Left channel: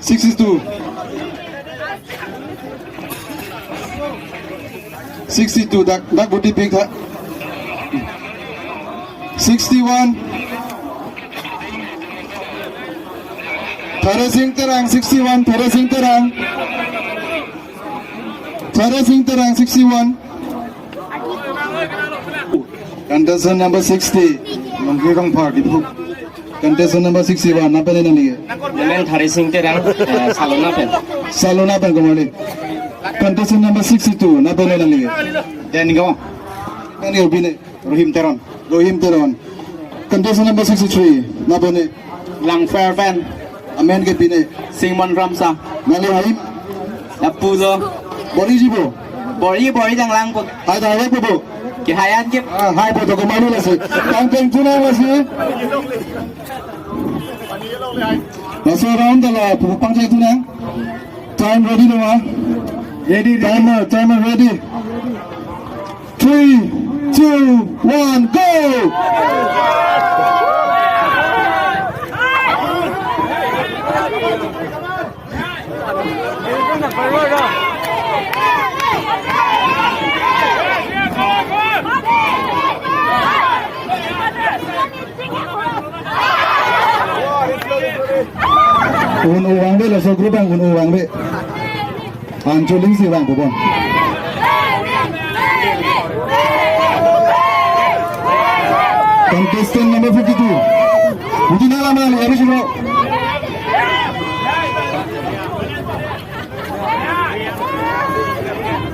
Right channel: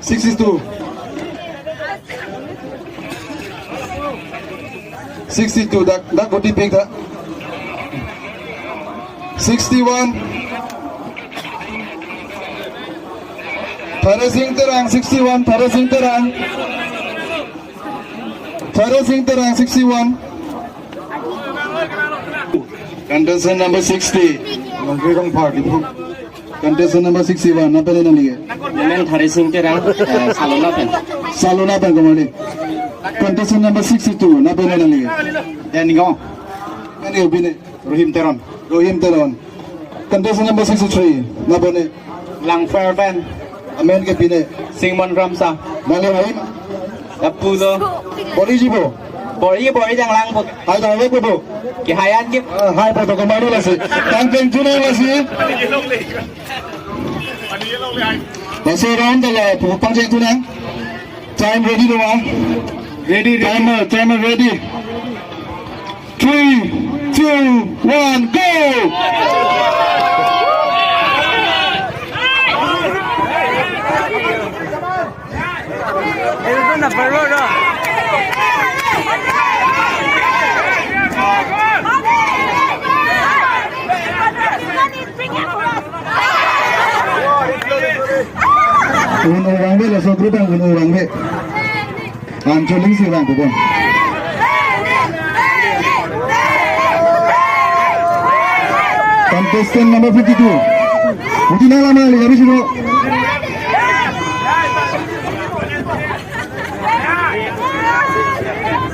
62. 62. Dak body big tak. 61. Terasing terang 61. Terasing terang. Terasing terang 61. Contestant number 60. Mengkirang park itu. Contestant number 61. Apa ni nanti? Yang terasing terang salona pen. Salona pen kembali. Contestant number 62. Apa ni nanti? Dan kau? Ini bini. Rohim Teron. Rohim Teron. Contestant number 63. Apa ni? Lang fair pen. Amen ke bini. Singmon Ramsa. Malo Haim. Dapu zo. Bori jibo. Bori jang lang pun. Ada apa bu? Kehai kip. Hai pada kembali lagi. Tangkeng tuna lagi. Masih round dah pangceng tuna. Time ready dong ah. Ready. Timer ready. 3, 2, 1, go. Uang be, langsung kerubang uang be. Ancoling sih bang, bukan. Contestant number 52. Mungkin yang lama lagi habis dulu.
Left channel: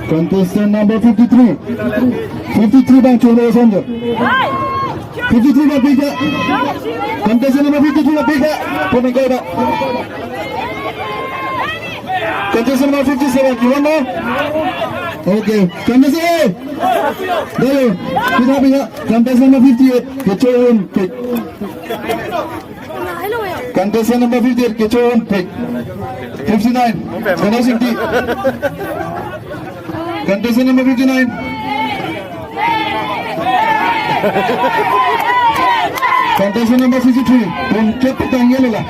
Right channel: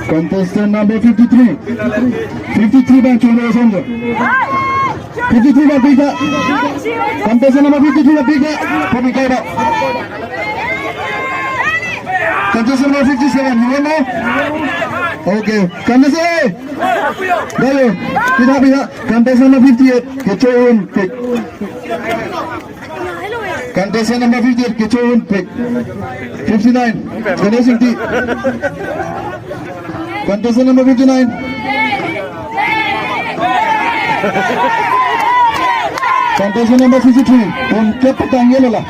Contestant number 53. 53 bang, cuma satu. 53 bang, tiga. Contestant number 53 bang, tiga. Tiga bang. Contestant number 57, you want now? Okay, contestant. Dale, kita. Contestant number 58, kecoin. Contestant number 58, kecoin. 59, finishing team. Contestant number 59. Contestant number 53. Keep it on yellow lah.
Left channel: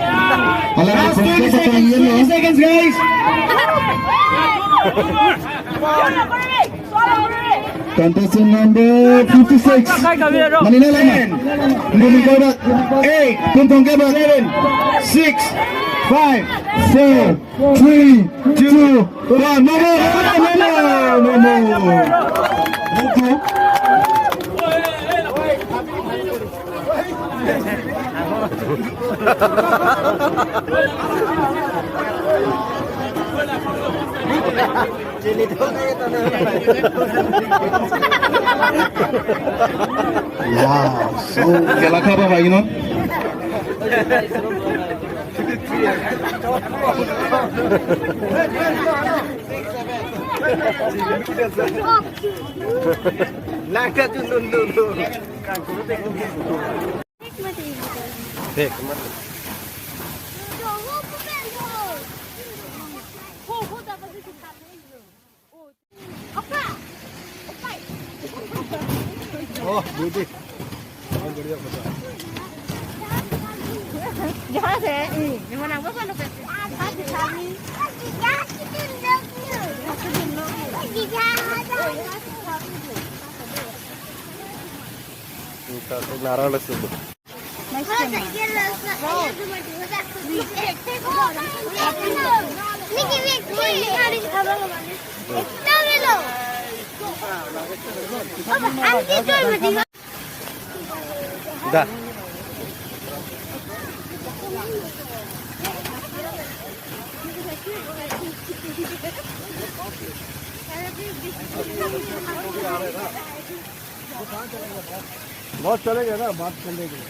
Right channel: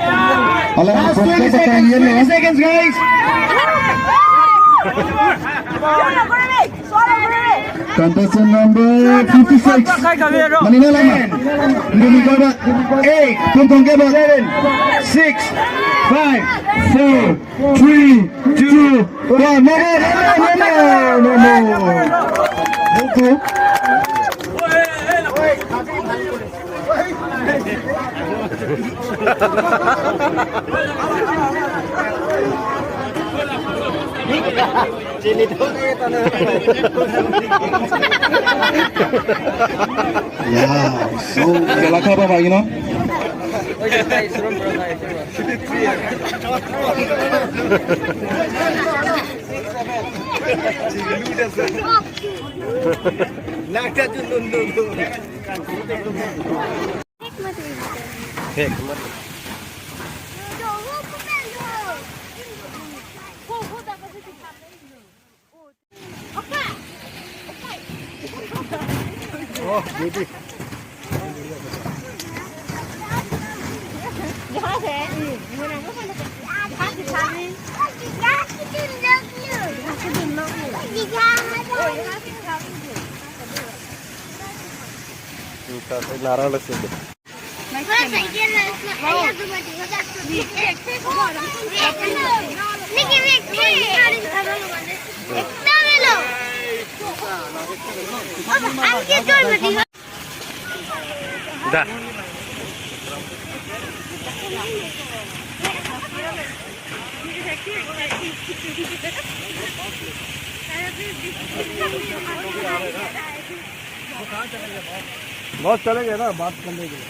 Last 20 seconds, guys. Contestant number 56. Manila lama. 8, 7, 6, 5, 4, 3, 2, 1. No. Ya, so kelakar apa lagi no? Nakal tu dulu. Hek mati. Oh, baby. Jangan saya, mana aku kan ada pasti kami. Kita narang langsung. Dah. बहुत चले गए ना बात कर लेंगे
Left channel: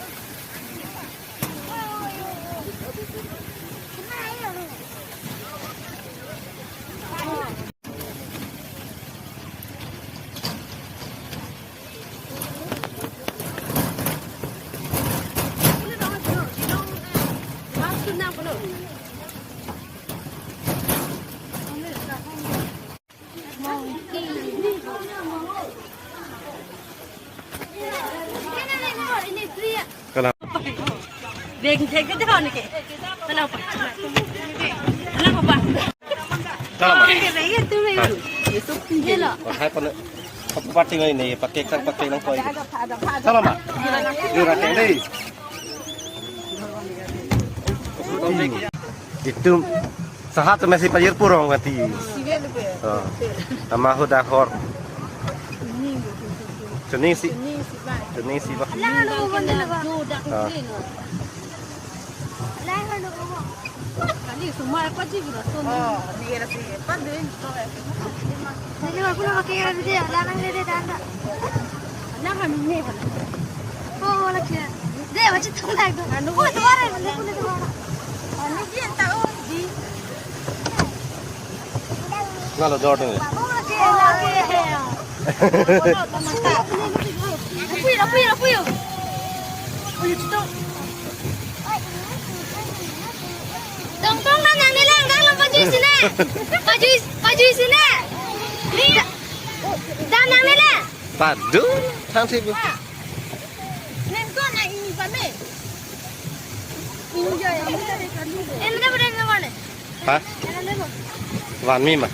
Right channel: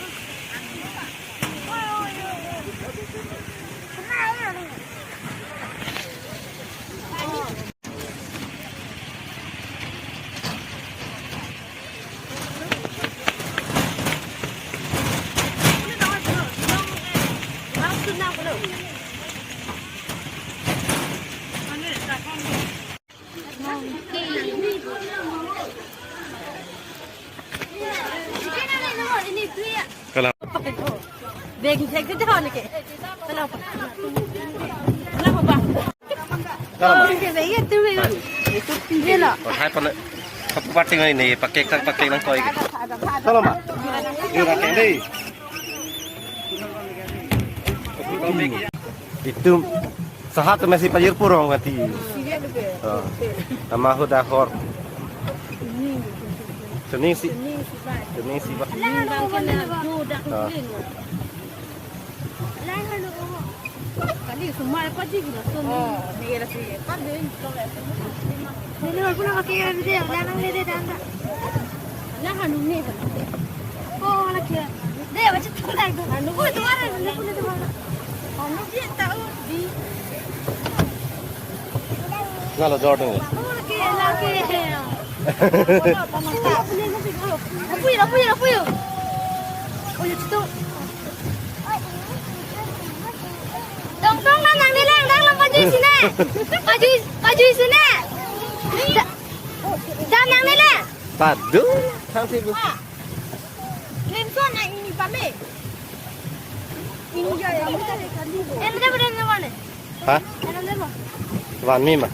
Về Dek itu kan ke. Kenapa? Kenapa? Kalau mah. Itu memang. Itu pinjela. Oh, hai pan. Kapu pati ini pakai nang koi. Kalau mah. Dia pakai deh. Itu sahat masih pajir purong mati. Nama huda hor. Cening si bah. Kali semua apa sih gitu? Ni rasa apa deh? Ni orang pun pakai dia, jangan dia dah. Jangan ni kan. Tu mana kira? Dia macam tu lah tu. Anu tu orang ni tu orang. Anu dia tahu di. Nalo Jordan. Lagi. Apa ya? Oh itu. Tong na nang nilang dalam baju sini. Baju sini. Ni. Dah nang nilang. Padu, cantik bu. Nen ko na ini pame. Ini jaya. Ini dah berapa mana? Hah? Wan mi mah.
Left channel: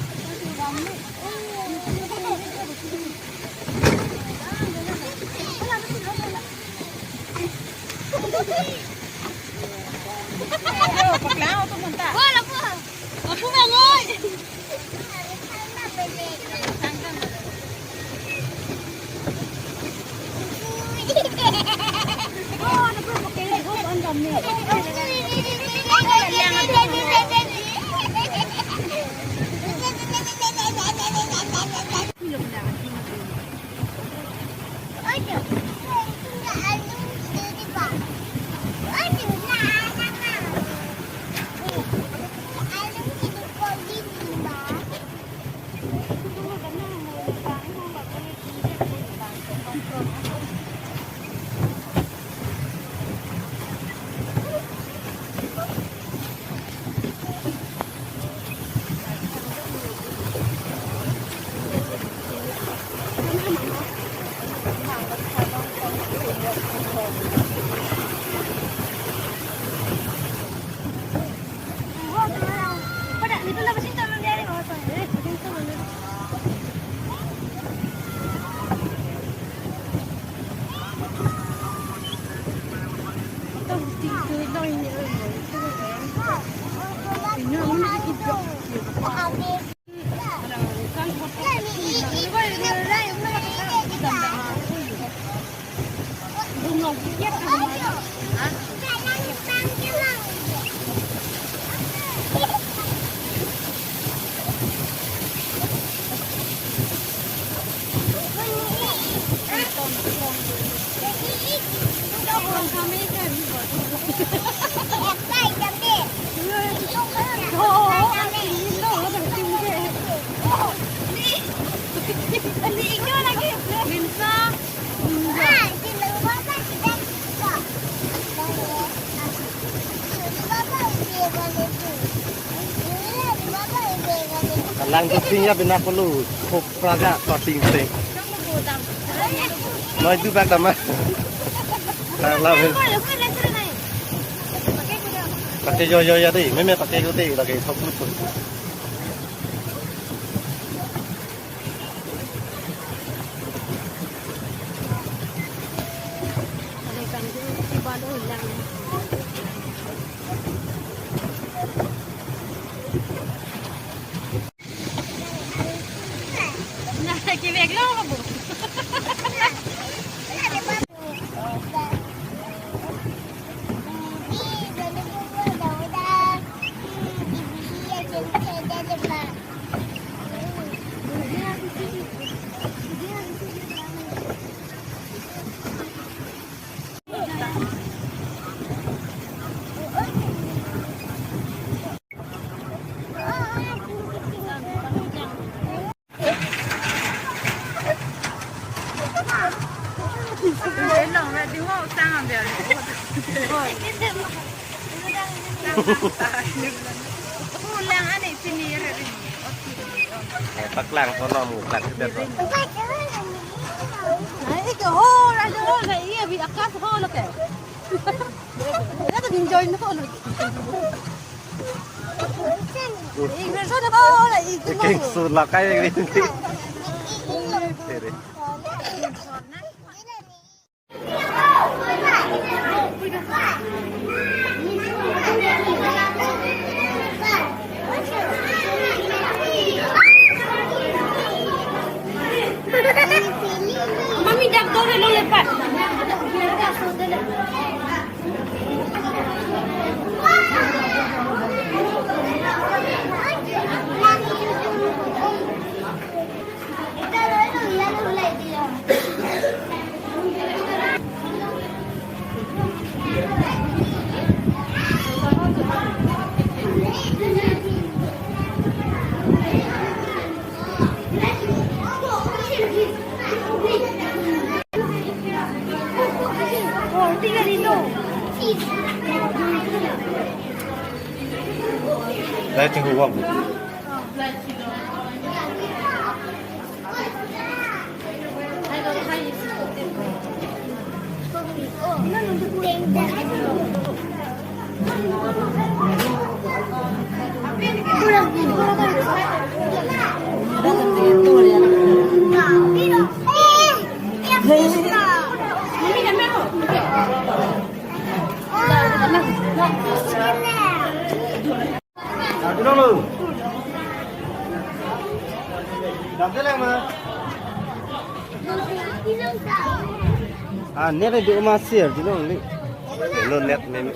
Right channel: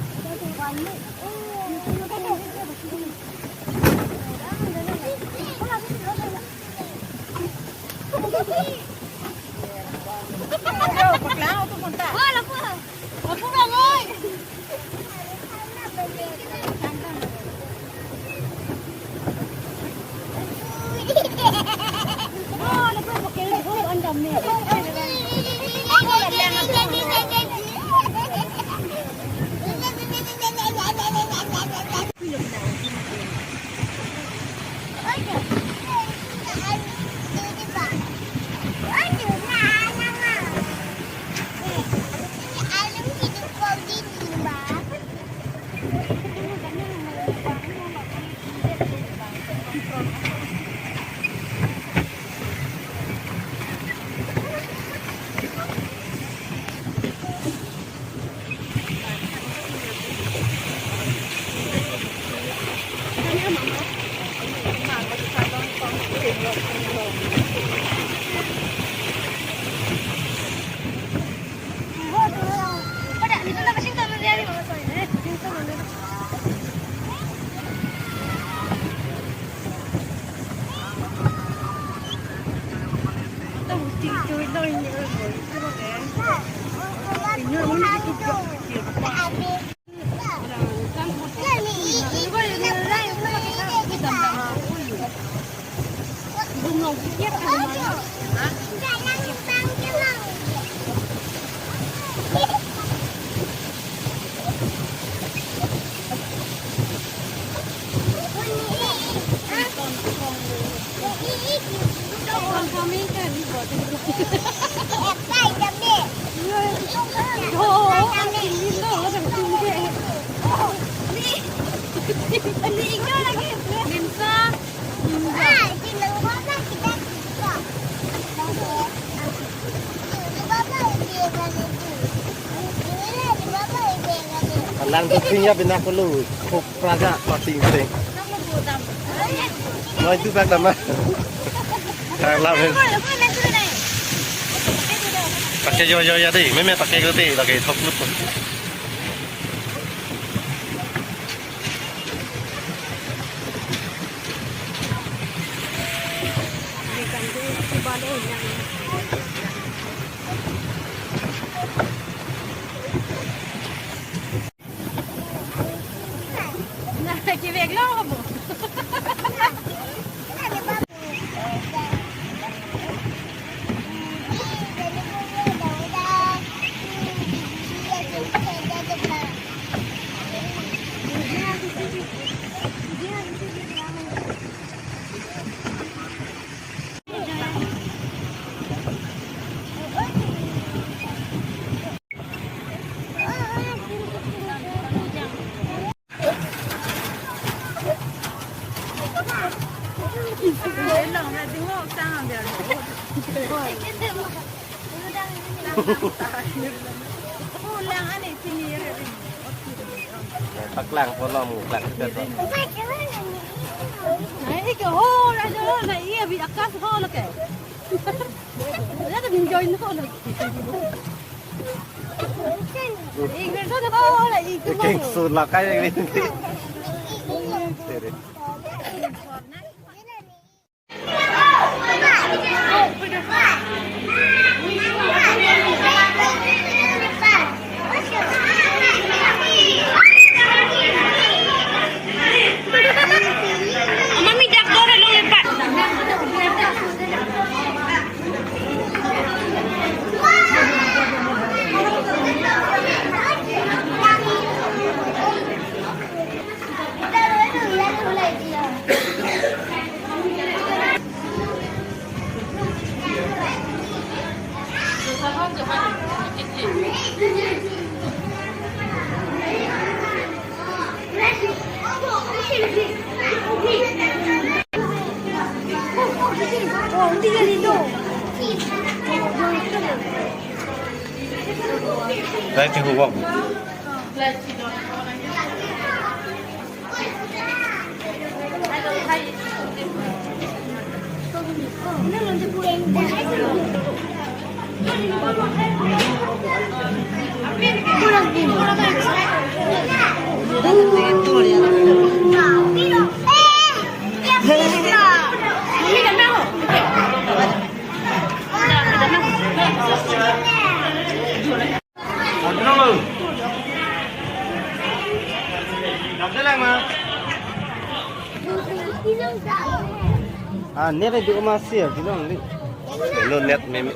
Lang pentingnya benar perlu kop praga pating penting. Nói cứ bác tầm á. Thằng làm lên. Pakai yo ya đi, mấy pakai cái đi là cái thóc lút. Tắc lăng có nó mù lăng cái rồi. Đấy cái hô ra rồi này bị áp sát hô là kể. 나도 민저 있는 거 이걸 손에 봐라 이 Cái sụt là cái đi. Để đấy. Mami dak dore lo lepas. Oh, 3.000. Đây thì hụt. À, nét này bị mà xỉa thì nó không bị. Nó nét mềm.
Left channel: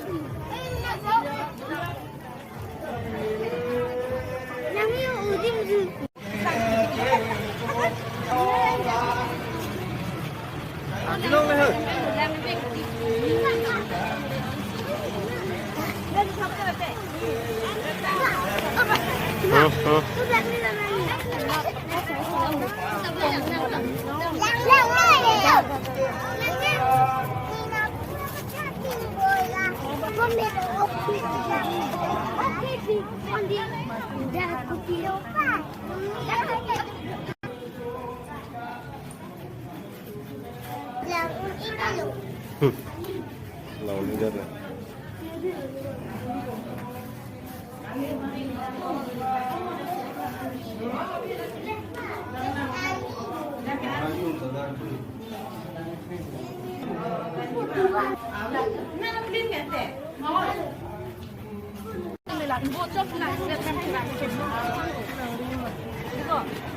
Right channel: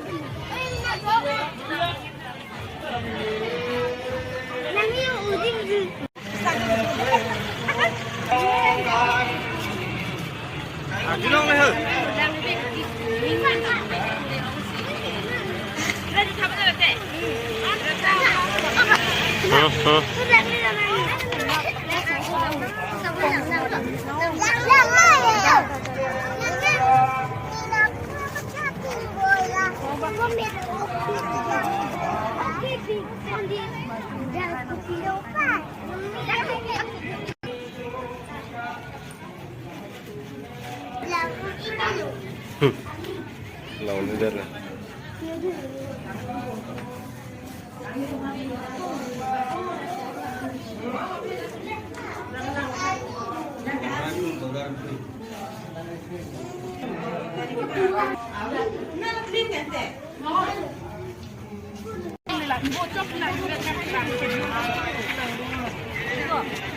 Lâu nữa rất là. 이거